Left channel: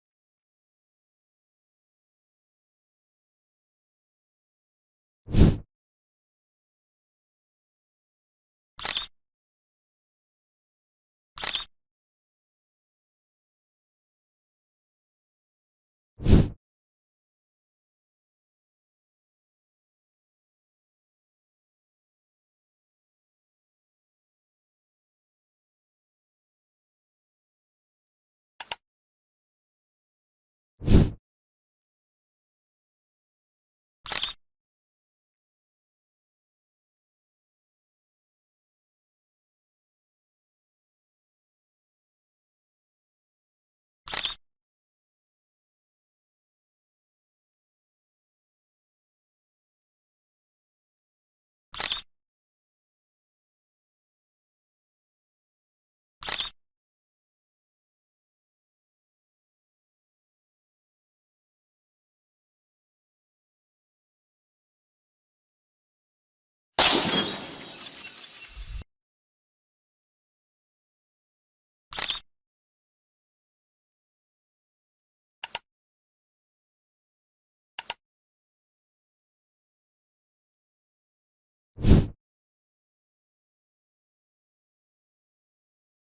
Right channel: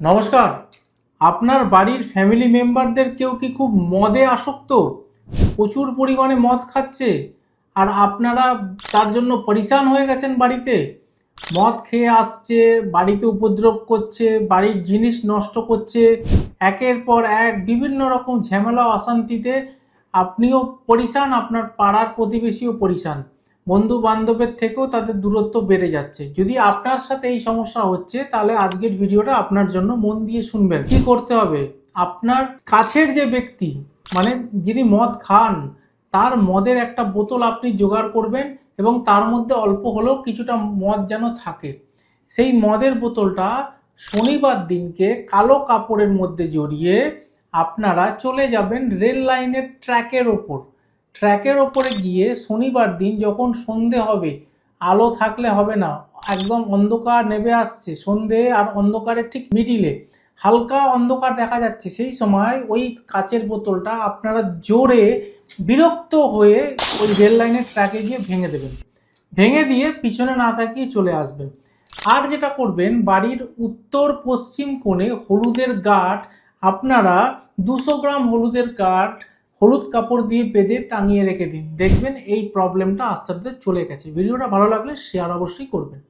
নমস্কার। আপনার বাড়ির ফ্যামিলি মেম্বারদের কেউ কি খুব মদে আসক্ত? প্রচুর পরিমাণে মদ খাচ্ছে। আর আপনারা তার জন্য পরিশান হয়ে গেছেন বাড়িতে। মদ খেয়ে আসছে, বাড়িতে উপদ্রব করছে, বাড়ির জিনিস নষ্ট করছে। একের পর এক বিভিন্ন রকম ঝামেলা, অশান্তিতে আপনিও পরিশান, আপনার পাড়ার প্রতিবেশীও পরিশান। বন্ধু বান্ধবের থেকেও তাদের দূরত্ব বেড়ে যাচ্ছে। যদি আপনার সাথে এই সমস্যা হচ্ছে, তাহলে আজকের ভিডিওটা আপনার জন্য মন দিয়ে শুনবেন। কি করতে হবে? আপনার কাছের যে ব্যক্তি মানে যিনি মদ খান, তার মদের একটা বোতল আপনি জোগাড় করবেন এবং তার মধ্যে অল্প হলেও কিছুটা মদ যেন থাকে। সেই মদের বোতলটা শনিবার দিনকে কালো কাপড়ের মধ্যে জড়িয়ে আপনারা চলে যাবেন রেল লাইনের ট্র্যাকের ওপর। ট্র্যাকের ওপরে গিয়ে শনিবার দিন যখন সন্ধে হবে, আলো থাকলে হবে না, একদম অন্ধকার নেমে আসছে। সন্ধে আর অন্ধকারের ঠিক মিডিলে হালকা অন্ধকার দেখা যাচ্ছে। সেই সময় ওই কাচের বোতলটা আপনারা জোরে বিরক্ত হয়ে ওই রেল লাইনের ট্র্যাকে গিয়ে ভেঙে দেবেন। ভেঙে দিয়ে পিছনে না তাকিয়ে চলে আসবেন। আর যেটা করবেন, বাড়ির উত্তর পশ্চিম কোণে হলুদের গাঠ আপনারা দুশো গ্রাম হলুদের গাঁট হলুদ কাপড় দিয়ে বেঁধে টাঙিয়ে রেখে দিন। দেখবেন এই প্রবলেমটা আস্তে আস্তে চলে গেছে। ভিডিওটা ভালো লাগলে শেয়ার অবশ্যই করবেন।